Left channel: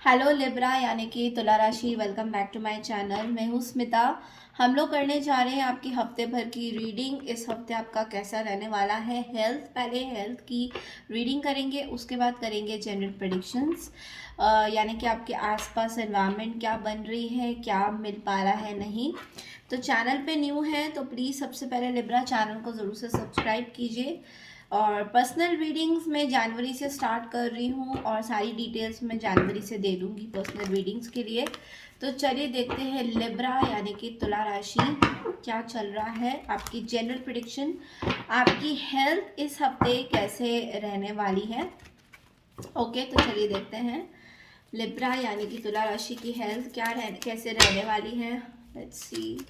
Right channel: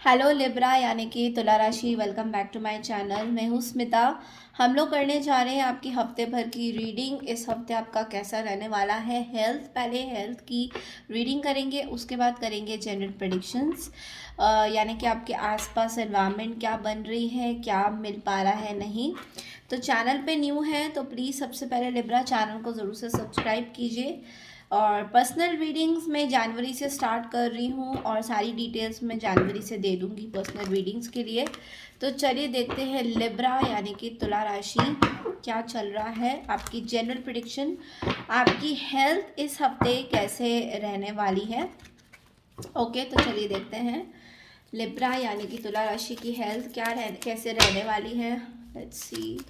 Hello Libra यानी कि तुला राशि। Welcome back to my channel. मैं हूँ स्मिता। हम लोग करने जा रहे हैं आपकी हफ्ते भर की रीडिंग। इस हफ्ते आपका कैसा रहने वाला है। हेल्थ, पहले हेल्थ की रीडिंग करेंगे, उसके बाद करेंगे जनरल प्रेडिक्शंस, यानी कि आपके आसपास एनवायरनमेंट क्या बन रही है, क्या मिल पा रहा है, नहीं। तो चैनल पे न्यू है तो प्लीज़ सबसे पहले लिब्रा चैनल को ज़रूर से सब्सक्राइब कीजिए। और पर्सनल रीडिंग्स मैं जनवरी से स्टार्ट कर रही हूँ और सारी डिटेल्स मैं जनवरी से दे दूँगी पर्सनल रीडिंग्स के लिए। तो चलिए देखते हैं लिब्रा यानी कि तुला राशि क्या चल रहा है। आपकी जनरल प्रिडिक्शन, आपकी हेल्थ इस हफ्ते कैसे रहने वाली है। ओके, तो चलिए देखते हैं लिब्रा यानी कि तुला राशि की हेल्थ कैसे रहने वाली है। Let's see.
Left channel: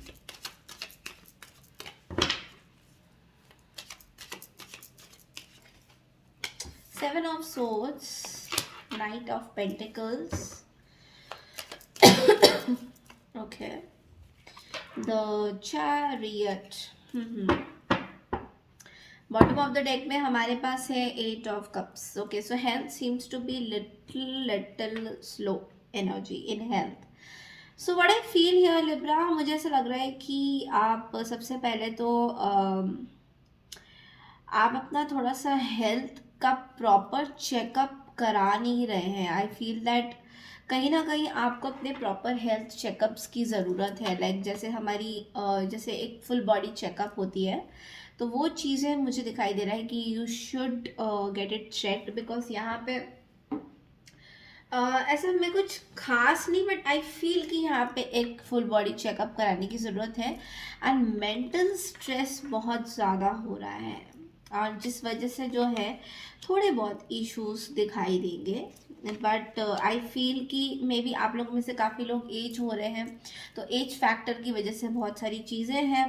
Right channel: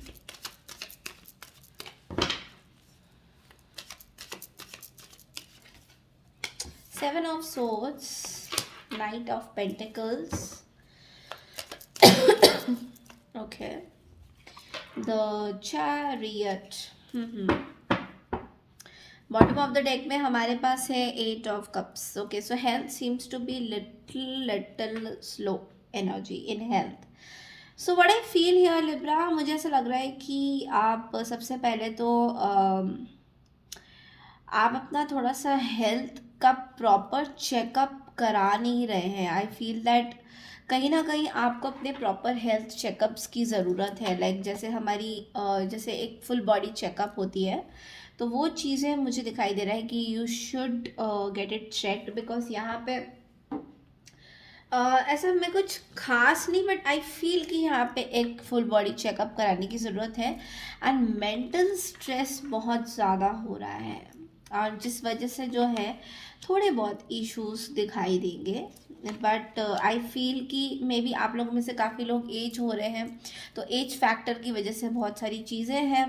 Seven of Swords, Knight of Pentacles. Okay. The Chariot. Bottom of the deck में हमारे पास है eight of cups. Okay, so health seems to be little slow energy in health. So what I feel here Libra, मुझे ऐसा लग रहा है कि आप सबसे पहले तो आप अपना थोड़ा सा हेल्थ का प्रॉपर चेकअप करा नहीं रहे हैं। आई फील दैट कहीं ना कहीं आपको अपने प्रॉपर हेल्थ चेकअप्स की ज़रूरत है। लाइक जैसे हमारी जैसे एक फुल बॉडी चेकअप होती है, तो वो चीज़ें मुझे दिखाई दे रहा है कि you should get it checked. Because यहाँ पे ऐसा मैं कुछ खास नहीं, बट आई फील कि यहाँ पे एक फुल बॉडी चेकअप कराने की ज़रूरत है। एंड मेंटल स्ट्रेस बहुत ज़्यादा हो रहा है और जिस वजह से जो है थोड़े बहुत इश्यूज दिखाई देंगे। बट आई फील कि मे बी आप लोगों में से काफ़ी लोग एज हो रहे हैं, तो एज फैक्टर की वजह से बहुत सारी चीज़ें हैं।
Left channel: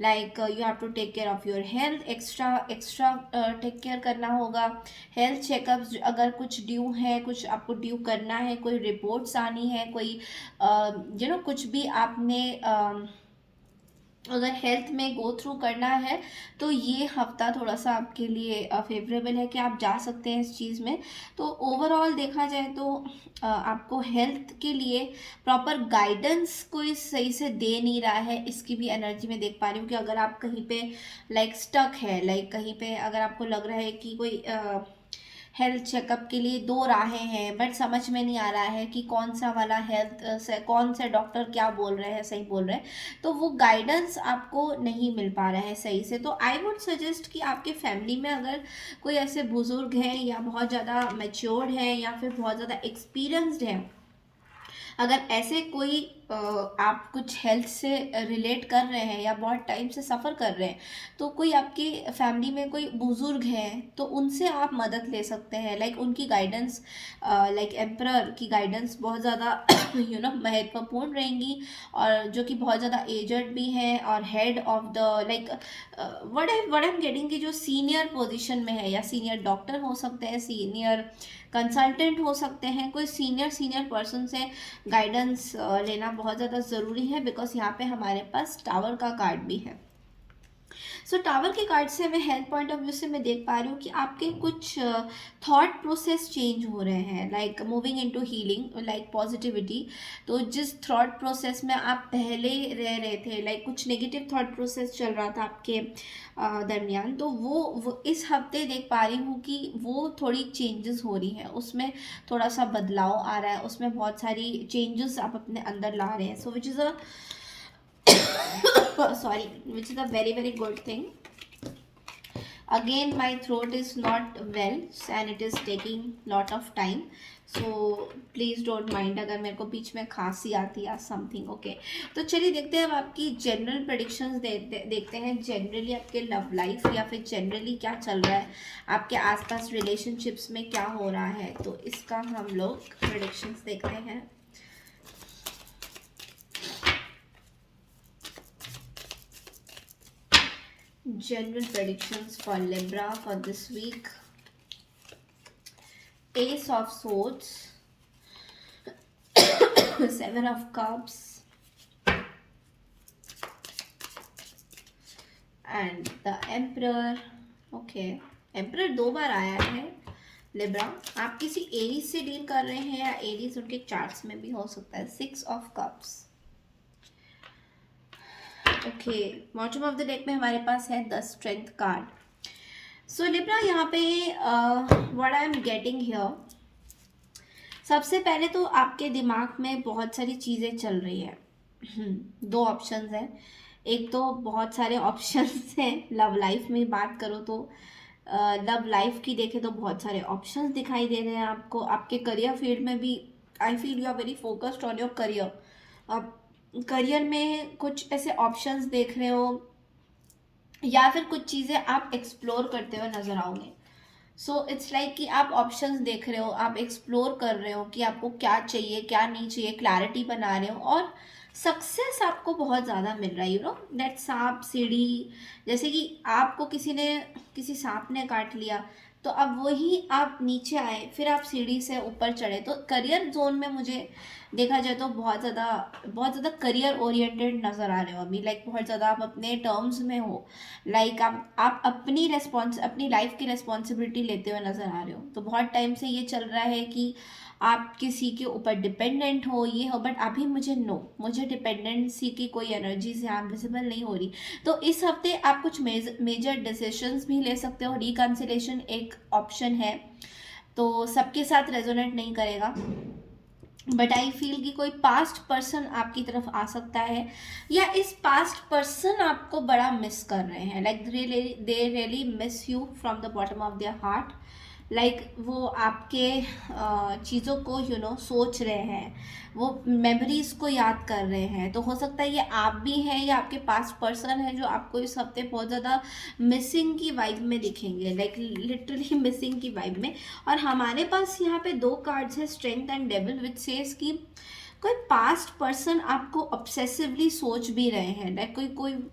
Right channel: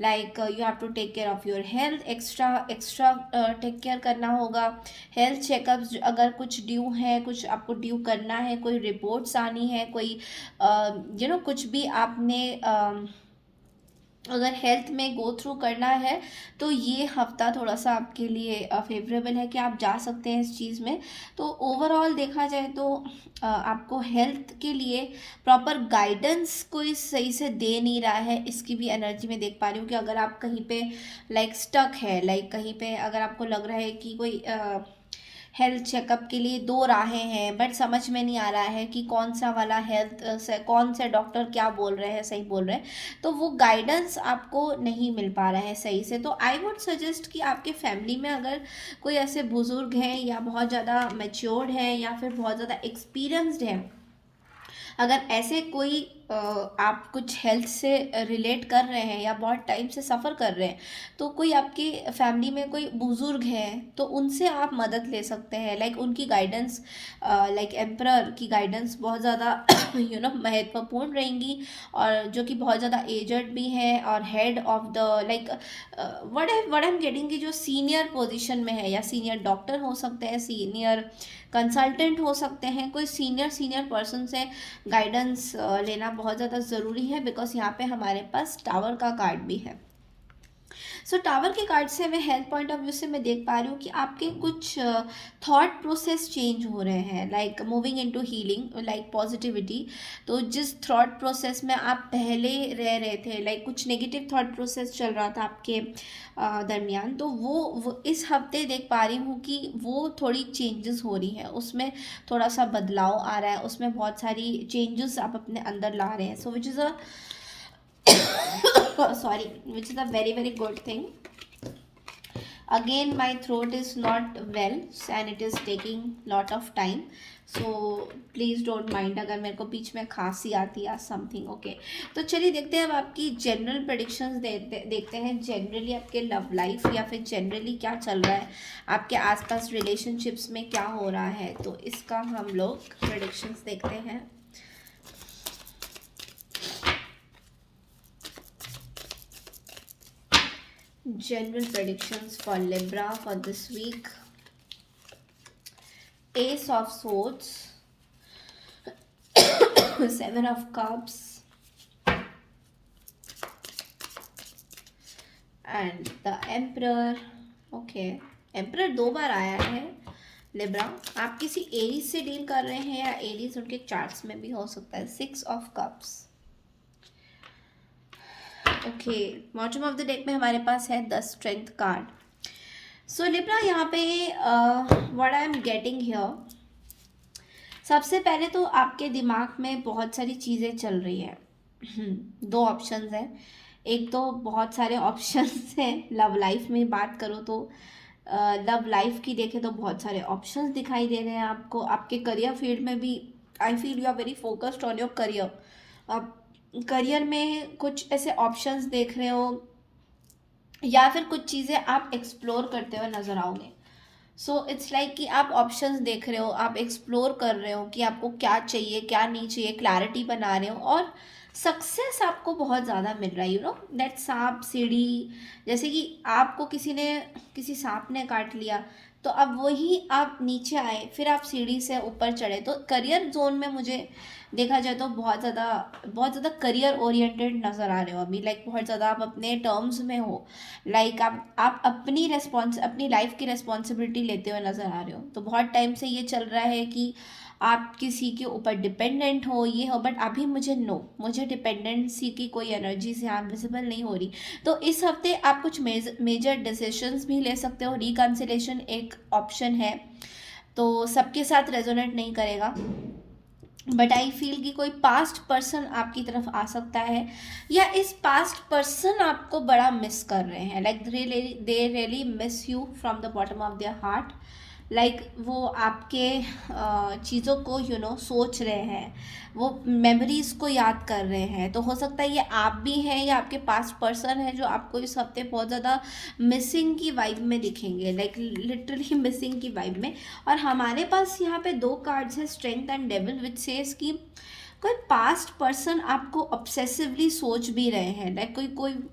Like you have to take care of your health, extra extra take care करना होगा। हेल्थ चेकअप्स अगर कुछ ड्यू है, कुछ आपको ड्यू करना है, कोई रिपोर्ट्स आनी है, कोई कुछ भी आपने अगर हेल्थ में गो थ्रू करना है, तो ये हफ्ता थोड़ा सा आपके लिए फेवरेबल है कि आप जा सकते हैं इस चीज़ में। तो ओवरऑल देखा जाए तो आपको हेल्थ के लिए प्रॉपर गाइडेंस कोई सही से दे नहीं रहा है। इसकी भी एनर्जी में देख पा रही हूँ कि अगर आप कहीं पे लाइक स्टक है, लाइक कहीं पे अगर आपको लग रहा है कि कोई हेल्थ चेकअप के लिए दो राहें हैं, बट समझ में नहीं आ रहा है कि कौन सा वाला हेल्थ से कौन से डॉक्टर क्या बोल रहे हैं, सही बोल रहे हैं, तो वो गाइडेंस आपको नहीं मिल पा रहा है सही से। तो आई वुड सजेस्ट कि आपके फैमिली में अगर कोई ऐसे बुजुर्ग हैं या बहुत ज़्यादा मैच्योर्ड है या फिर बहुत ज़्यादा एक्सपीरियंस्ड है, अगर ऐसे कोई आप कुछ हेल्थ से रिलेट कर रहे हैं या बहुत टाइम से सफ़र कर रहे हैं, तो कोई आपके फैमिली में कोई बुज़ुर्ग हैं तो उनसे आप मदद ले सकते हैं। लाइक उनकी गाइडेंस, लाइक एम्परर की गाइडेंस बहुत ज़्यादा महत्वपूर्ण रहेंगी। और जो कि बहुत ज़्यादा एजड भी हैं और head of the like what I am getting की जो सीनियर पोजीशन में है, या सीनियर डॉक्टर हो सकते हैं, सीनियर कंसल्टेंट हो सकते हैं, कोई सीनियर सीनियर पर्सन से गाइडेंस लेना बहुत ज़्यादा ज़रूरी है। बिकॉज यहाँ पे हमारे पास टावर का कार्ड भी है। सो टावर के कार्ड से मैं हेल्थ पॉइंट ऑफ व्यू से मैं देख पा रही हूँ कि आपके कुछ थॉट प्रोसेस चेंज हो रहे हैं, like moving into healing, like positivity. तो जिस थॉट प्रोसेस में आप पहले रह रहे थे, लाइक कुछ नेगेटिव थॉट प्रोसेस चल रहा था आपके दरमियान, तो वो इस हफ्ते देख पा रही हूँ कि वो थोड़ी चेंजेस हो रही हैं, उसमें थोड़ा सा बदलाव आ रहा है, उसमें बहुत सारी चेंजेस आप अपने अंदर ला रहे हैं। So which is a sorry, which is a very very good thing. Again, my throat is not well and it is taking lot of time, so please don't mind अगर मेरे को बीच में खांसी आती है समथिंग। ओके, तो चलिए देखते हैं अब आपकी जनरल प्रेडिक्शंस देखते हैं। जनरली आपके लव लाइफ या फिर जनरली क्या चल रहा है, आपके आसपास रिलेशनशिप्स में क्या हो रहा है, तो इसका हम लोग प्रेडिक्शंस देखते हैं। General predictions for Libra for this week. Ace of Swords, Seven of Cups, and the Emperor. Okay, Emperor दो बार आया है, लिब्रा, आप किसी एरीज से डील कर रहे हैं या एरीज उनके चार्ट्स में भी हो सकता है। 6 of cups. Okay, bottom of the deck में हमारे पास है the strength card. So Libra, यहाँ पे what I am getting here, सबसे पहले तो आपके दिमाग में बहुत सारी चीज़ें चल रही है। दो ऑप्शंस हैं। एक तो बहुत सारे ऑप्शंस हैं, लव लाइफ में बात करो तो लव लाइफ की देखें तो बहुत सारे ऑप्शंस दिखाई दे रहे हैं आपको। आपके करियर फील्ड में भी I feel you are very focused on your career. आप करियर में कुछ ऐसे ऑप्शंस देख रहे हो या फिर कुछ चीज़ें आप एक्सप्लोर करते हुए नजर आओगे। सो इट्स लाइक कि आप ऑप्शंस देख रहे हो, आप एक्सप्लोर कर रहे हो कि आपको क्या चाहिए क्या नहीं चाहिए, क्लैरिटी बना रहे हो, और सक्सेस आपको बहुत ज़्यादा मिल रहा है। यू नो दैट सांप सीढ़ी, जैसे कि आपको किसी सांप ने काट लिया, तो अब वही आप नीचे आए, फिर आप सीढ़ी से ऊपर चढ़े। तो करियर जोन में मुझे देखा जाए तो बहुत ज़्यादा करियर ओरिएंटेड नज़र आ रहे हो अभी। लाइक बहुत ज़्यादा आप अपने टर्म्स में हो। लाइक आप अपनी लाइफ की रिस्पॉन्सिबिलिटी लेते हुए नज़र आ रहे हो। तो बहुत टाइम से ये चल रहा है कि आप किसी के ऊपर डिपेंडेंट हो, ये हो, बट अभी मुझे डिपेंडेंसी की कोई एनर्जी से आप विजिबल नहीं हो रही। तो इस हफ्ते आप कुछ मेजर डिसीजंस भी ले सकते हो। रिकंसिलेशन एक ऑप्शन है, तो सबके साथ रेजोनेट नहीं करेगा, बट आई फील कि कोई पास्ट पर्सन आपकी तरफ आ सकता है, या इस पास्ट पर्सन आपको बड़ा मिस कर रहे हैं। Like they really miss you from the bottom of their heart. Like वो आपके चीज़ों को सोच रहे हैं, वो मेमोरीज को याद कर रहे हैं। तो हो सकता है ये आप भी हैं या आपके पास पर्सन है जो आपको इस हफ्ते बहुत ज़्यादा मिसिंग की वाइब में दिखेंगे, लाइक लिटरली मिसिंग की वाइब में। और हमारे पास यहाँ पे दो कार्ड्स है, strength and devil, which says कि कोई पास्ट पर्सन आपको ऑब्सेसिवली सोच भी रहे हैं। लाइक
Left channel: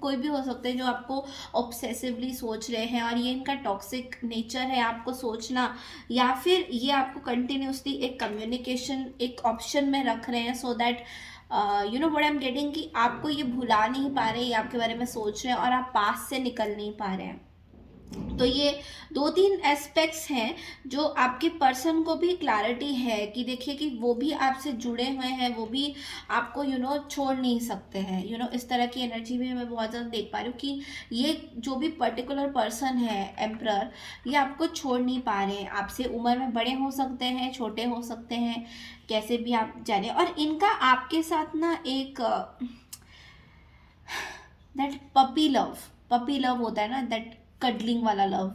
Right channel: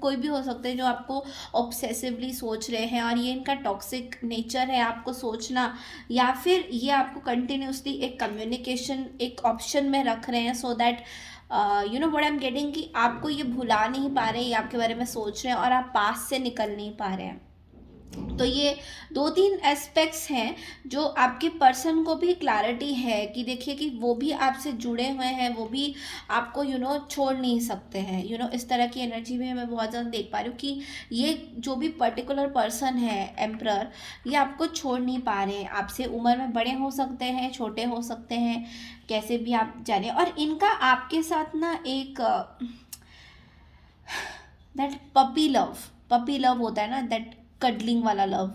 कोई भी हो सकता है जो आपको ऑब्सेसिवली सोच रहे हैं, और ये इनका टॉक्सिक नेचर है, आपको सोचना, या फिर ये आपको कंटिन्यूसली एक कम्युनिकेशन एक ऑप्शन में रख रहे हैं, so that you know what I am getting, कि आपको ये भुला नहीं पा रहे, ये आपके बारे में सोच रहे हैं और आप पास से निकल नहीं पा रहे हैं। तो ये दो तीन एस्पेक्ट्स हैं जो आपके पर्सन को भी क्लैरिटी है कि देखिए कि वो भी आपसे जुड़े हुए हैं, वो भी आपको छोड़ नहीं सकते हैं। इस तरह की एनर्जी में मैं बहुत ज़्यादा देख पा रही हूँ कि ये जो भी पर्टिकुलर पर्सन है एम्परर, ये आपको छोड़ नहीं पा रहे हैं। आपसे उम्र में बड़े हो सकते हैं, छोटे हो सकते हैं, कैसे भी आप जाने। और इनका आपके साथ ना एक दैट पपी लव होता है ना, दैट कडलिंग वाला लव,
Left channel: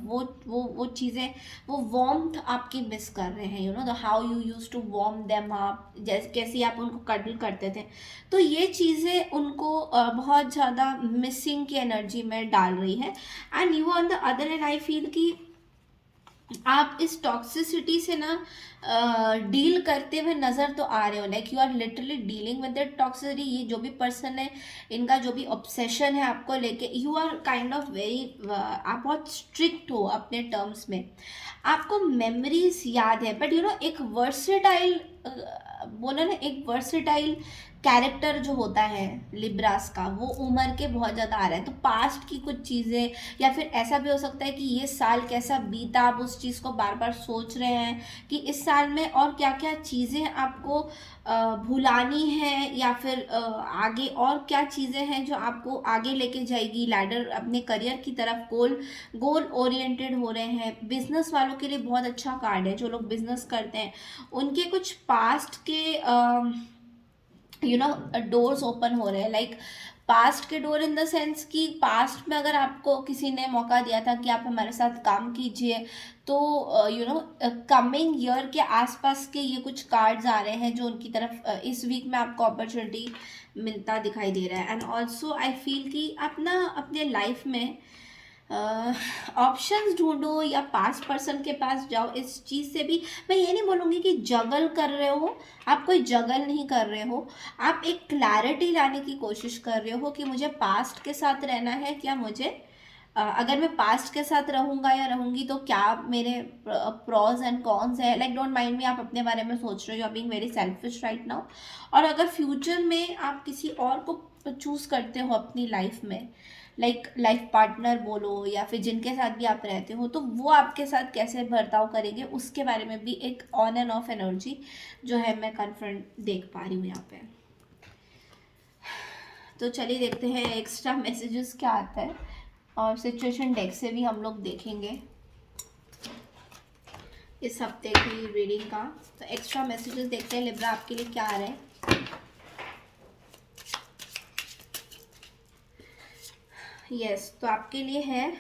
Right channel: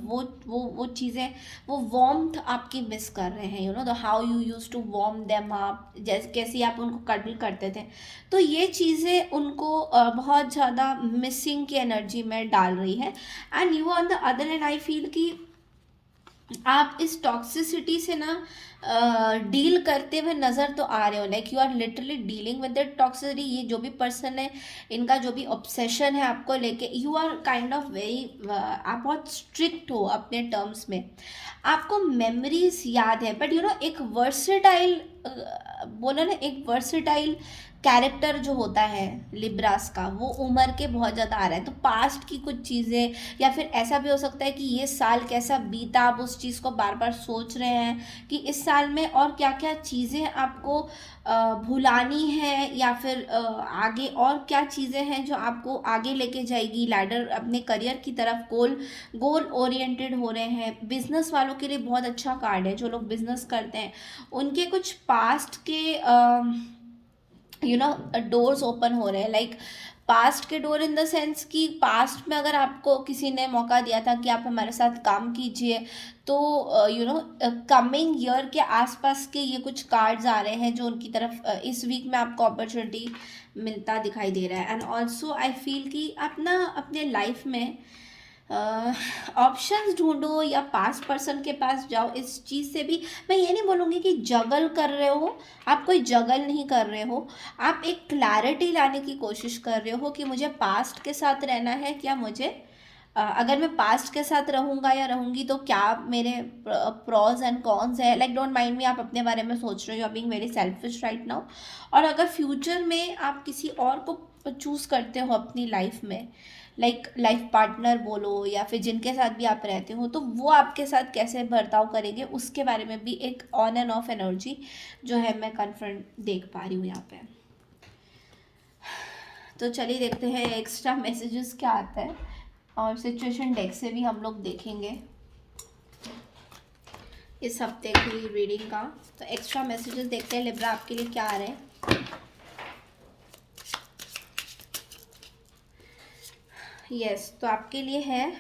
वो चीज़ें, वो वार्मथ आपकी मिस कर रहे हैं। The how you use to warm them up, जैसे कैसे आप उनको कडल करते थे। तो ये चीज़ें उनको बहुत ज़्यादा मिसिंग की एनर्जी में डाल रही है। And you on the other and I feel कि आप इस टॉक्सिसिटी से ना डील करते हुए नज़र तो आ रहे हो। Like you are literally dealing with that toxicity. ये जो भी पर्सन है, इनका जो भी ऑब्सेशन है आपको लेके, you are kind of very, आप बहुत स्ट्रिक्ट हो अपने टर्म्स में। आपको मेमोरीज याद है, बट एक वर्सेटाइल, बोला ना, एक वर्सेटाइल कैरेक्टर जो होता है लिब्रास का, वो उम्र के बहुत ज़्यादा आ रहा है। तो पास्ट की कुछ चीज़ें, या फिर ऐसा भी हो सकता है कि ये साल कैसा बीता, आप उस चीज़ को बार बार सोच रहे हैं कि इस साल में और क्या क्या चीज़ें आपको भुलानी है, या फिर आगे और क्या चीज़ें हैं जो आपको आगे लेके जाएगी लैडर अपने करियर की तरफ। गोल ओरिएंटेड हो रहे हैं। बिजनेस वालों के लिए बहुत अच्छा कार्ड है, जो लोग बिजनेस करते हैं उनके कुछ पास्ट के डोर्स ओपन हो रहे हैं। लाइक पास्ट के डोर इन द सेंस कि पास्ट में अगर आपको किसी ने मौका दिया था कि आप हमारे साथ काम कीजिए, तो कमिंग ईयर के आसपास के ये कुछ कार्ड्स आ रहे हैं जो उनकी तरफ इस वीक में आपको अपॉर्चुनिटी मिलता दिखाई दे रहा है। एंड ऑल्सो आई फील कि आप ना अपने लाइफ में ऑप्शंस ढूंढो या पास पर्सन के पास जाओ। इस चीज़ से भी मैं ये नहीं बोलूँगी कि जगल कर रहे हो, आप कोई जगल नहीं कर रहे हो, आप एक क्लैरिटी लाने की कोशिश कर रहे हो कि मुझे पास्ट के साथ रहना है, क्या मुझे अगर मैं पास्ट के साथ रहूँगा या रहूँगी तो क्या मेरे प्रॉज एंड कॉन्स है। लाइक डोंट माइंड मी, आप अपने बारे में सोच रहे हो, you are being very selfish right now. और अगर फ्यूचर में आप किसी और को चूज़ करते हो अपनी लाइफ में, लाइक लाइफ पार्टनर बोलो या फिर जिनके साथ भी आप रहते हो, तो वो आपके साथ कैसे बर्ताव करेंगे उसके बारे में भी एक ऑन एंड ऑफ एनर्जी जो है मैं कन्फर्म देख पा रही हूँ यहाँ पे। तो चलिए देखते हैं एक्स्ट्रा मैसेजेस क्या आता है, और सिचुएशन डेक से भी हम लोग देखेंगे इस हफ्ते की रीडिंग का। तो एक्स्ट्रा मैसेजेस देखते हैं लिब्रा आपके लिए क्या आ रहे हैं। यस, तो आपके लिए है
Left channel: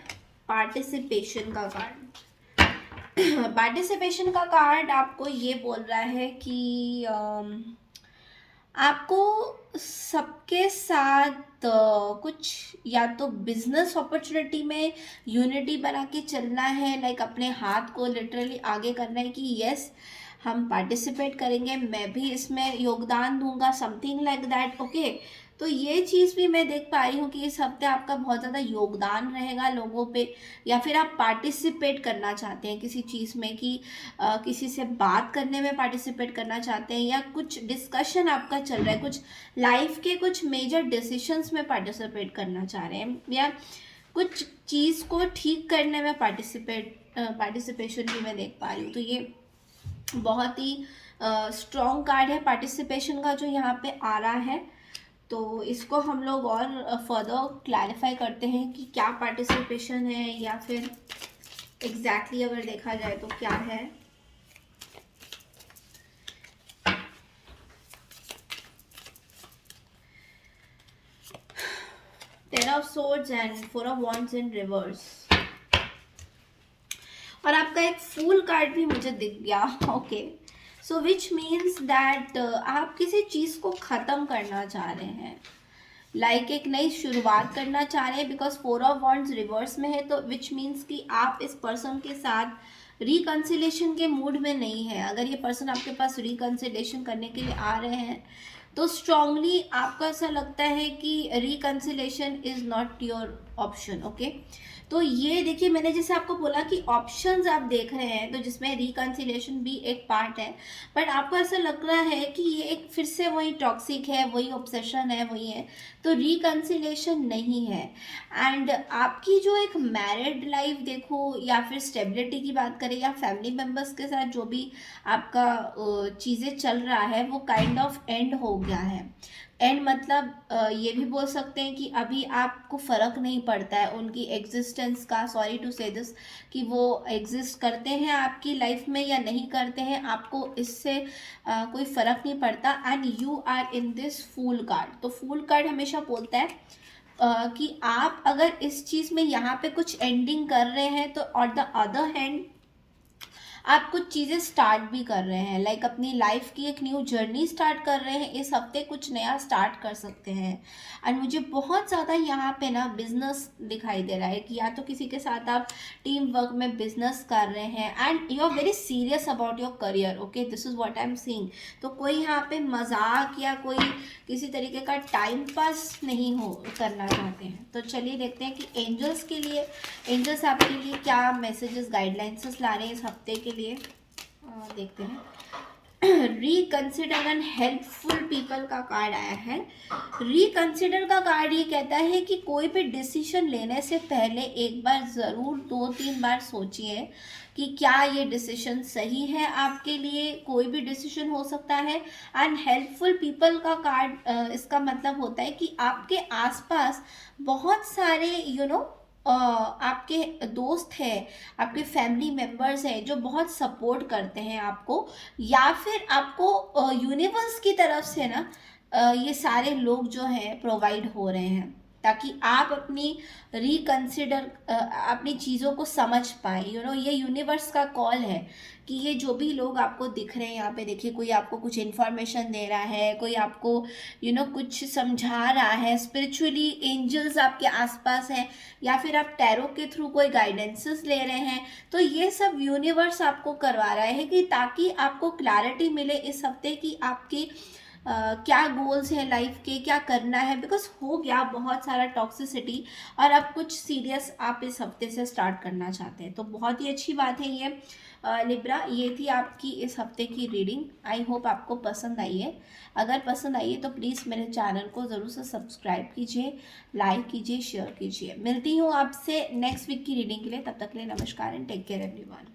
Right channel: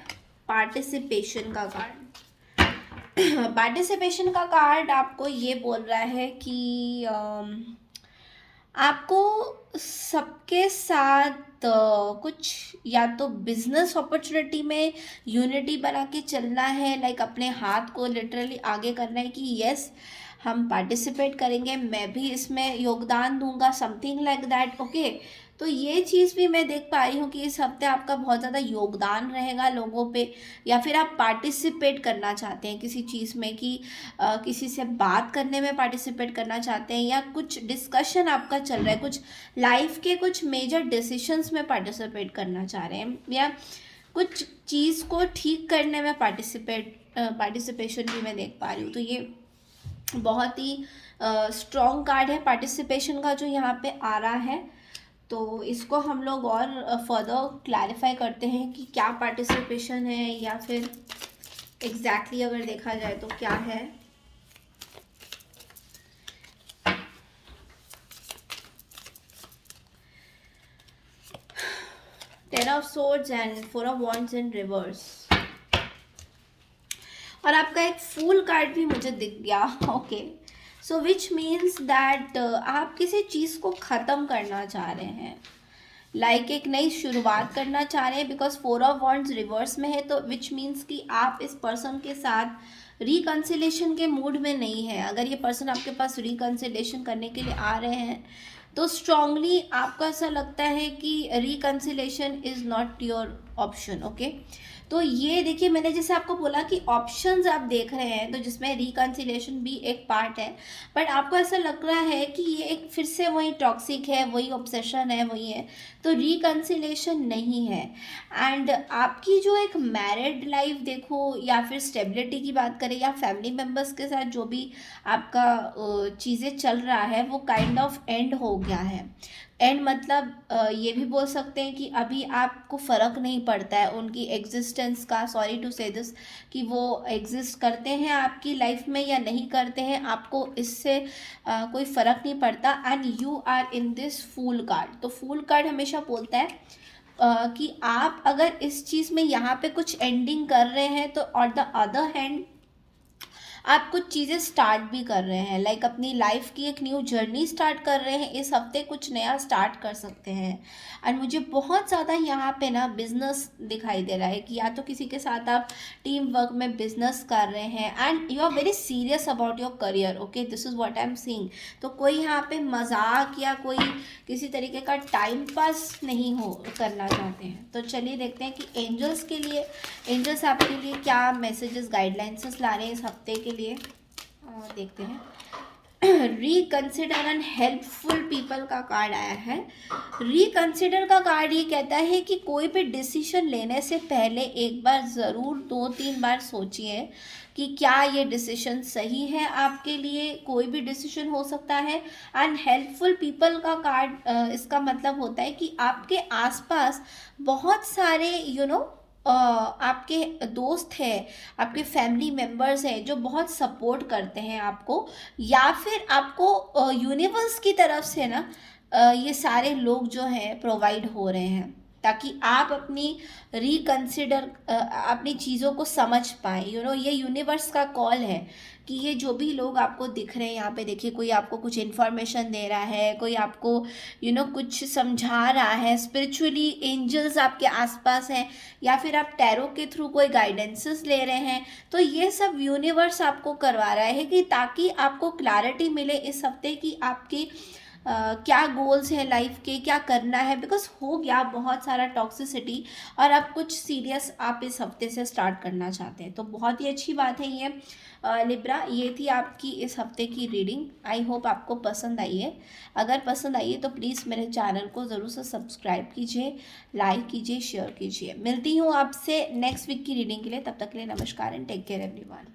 पार्टिसिपेशन का कार्ड। पार्टिसिपेशन का कार्ड आपको ये बोल रहा है कि आपको सबके साथ कुछ या तो बिजनेस अपॉर्चुनिटी में यूनिटी बना के चलना है, लाइक अपने हाथ को लिटरली आगे करना है कि यस हम पार्टिसिपेट करेंगे, मैं भी इसमें योगदान दूंगा, समथिंग लाइक दैट। ओके, तो ये चीज़ भी मैं देख पा रही हूँ कि इस हफ्ते आपका बहुत ज़्यादा योगदान रहेगा लोगों पे, या फिर आप पार्टिसिपेट करना चाहते हैं किसी चीज़ में, कि किसी से बात करने में पार्टिसिपेट करना चाहते हैं, या कुछ डिस्कशन आपका चल रहा है, कुछ लाइफ के कुछ मेजर डिसीशंस में पार्टिसिपेट करना चाह रहे हैं, या कुछ चीज़ को ठीक करने में पार्टिसिपेशन भी मैं देख पा रही हूँ। तो ये बहुत ही स्ट्रॉन्ग कार्ड है पार्टिसिपेशन का जो यहाँ पे आ रहा है। तो इसको हम लोग और फर्दर क्लैरिफाई करते हैं कि क्या पार्टिसिपेशन है, या फिर एग्जैक्टली अगर देखा जाए तो क्या है। Ten of swords and four of wands in reverse, और आपका एक फूल कार्ड भी मुझे दिख गया। Okay, so which means that आप किसी चीज़ को ख़त्म करना चाह रहे हैं, लाइक एक नई शुरुआत करना चाह रहे हैं, because four of wands reverse में है, तो विच मीन्स कि आप इस पर्सन के साथ रिकन्सिलेशन के मूड में नहीं है। अगर ये पर्सन आपके पास रिकन्सिलेशन करने के लिए आ रहे हैं तो स्ट्रांगली आपको ऐसा लगता है कि reconciliation is not your option. Okay, तो ये देखिए मैंने जैसे आपको बोला कि ऑप्शंस आप देख रहे हैं, तो जिसमें रिकन्सिलेशन भी एक पार्ट है, बट आपको ऐसा लग रहा है कि ये एक फिर से वही टॉक्सिक है, वही ऑब्सेशन है, वही है, तो रिकन्सिलेशन नहीं है। एंड आपकी जो एक मैरिड लाइफ देखो, या फिर स्टेबिलिटी की बात करें, या फैमिली मेम्बर्स के साथ जो भी आपका चीज़ें चल रहा है वो काइंड ऑफ एंड हो गया है। एंड मतलब ये भी बोल सकते हैं कि अभी आपको फ़र्क नहीं पड़ता है उनकी एग्जिस्टेंस का, सॉरी टू से दिस, कि वो एग्जिस्ट करते हैं आपकी लाइफ में या नहीं करते हैं, आपको इससे कोई फ़र्क नहीं पड़ता। And you are in this fool card, तो फूल कार्ड हमेशा बोलता है कि आप अगर इस चीज़ में यहाँ पे कुछ एंडिंग कर रहे हैं, तो ऑन द अदर हैंड आप कुछ चीज़ें स्टार्ट भी कर रहे हैं, लाइक अपनी लाइफ की एक न्यू जर्नी स्टार्ट कर रहे हैं, इस हफ्ते कुछ नया स्टार्ट कर सकते हैं। एंड मुझे बहुत ज़्यादा यहाँ पे ना बिजनेस दिखाई दे रहा है, कि या तो किसी के साथ आप टीम वर्क में बिजनेस कर रहे हैं, and you are very serious about your career. Okay, this is what I am seeing. तो कोई यहाँ पे मजाक या कोई किसी तरीके का टाइम पास नहीं हो करना चाहते हैं। तो चलिए देखते हैं कि एंजल्स के लिए, एंजल्स आपके लिए क्या मैसेजेस गाइडलाइंस ला रहे हैं इस हफ्ते के लिए। देखते हैं। रिकंसिडर एंड हेल्पफुल पीपल का कार्ड आया है। रिकंसिडर का कार्ड ये कहता है कि कोई भी डिसीजन लेने से पहले एक बार ज़रूर 2-3 बार सोचिए कि क्या ये डिसीजन सही है आपके लिए, कोई भी डिसीजन हो सकता है। एंड हेल्पफुल पीपल का कार्ड इसका मतलब होता है कि आपके आसपास बहुत सारे आपके दोस्त हैं, आपके फैमिली मेम्बर्स हैं जो बहुत सपोर्ट करते हैं आपको, या फिर आपको यूनिवर्स की तरफ से ना ये सारे लोग जो हैं प्रोवाइड हो रहे हैं, ताकि आप अपनी रिकंसिडर अपनी चीज़ों को समझ पाए। ये यूनिवर्स का कॉल है कि ये जो भी लोग आपको दिख रहे हैं यहाँ पे, देखिए कोई आपको कुछ इन्फॉर्मेशन दे रहा है, कोई आपको कुछ समझा रहा है, स्पिरिचुअली एंजल्स आपके आसपास हैं, या फिर आप टैरो के थ्रू कोई गाइडेंसेस ले रहे हैं, तो ये सब यूनिवर्स आपको करवा रहा है कि ताकि आपको क्लैरिटी मिले इस हफ्ते की आपकी क्या गोल्स हैं लाइफ के, क्या करना है, बिकॉज हो गया बहुत सारा टॉक्सिसिटी, और अब कुछ सीरियस आप इस हफ्ते से स्टार्ट करना चाहते हैं, तो बहुत ही अच्छी बात है ये। लिब्रा, ये थी आपकी इस हफ्ते की रीडिंग। आई होप आपको पसंद आई है। अगर पसंद आई है तो प्लीज़ मेरे चैनल को ज़रूर से सब्सक्राइब कीजिए, लाइक कीजिए, शेयर कीजिए। मिलती हूँ आपसे नेक्स्ट वीक की रीडिंग के लिए। तब तक के लिए नमस्कार एंड टेक केयर एवरीवन।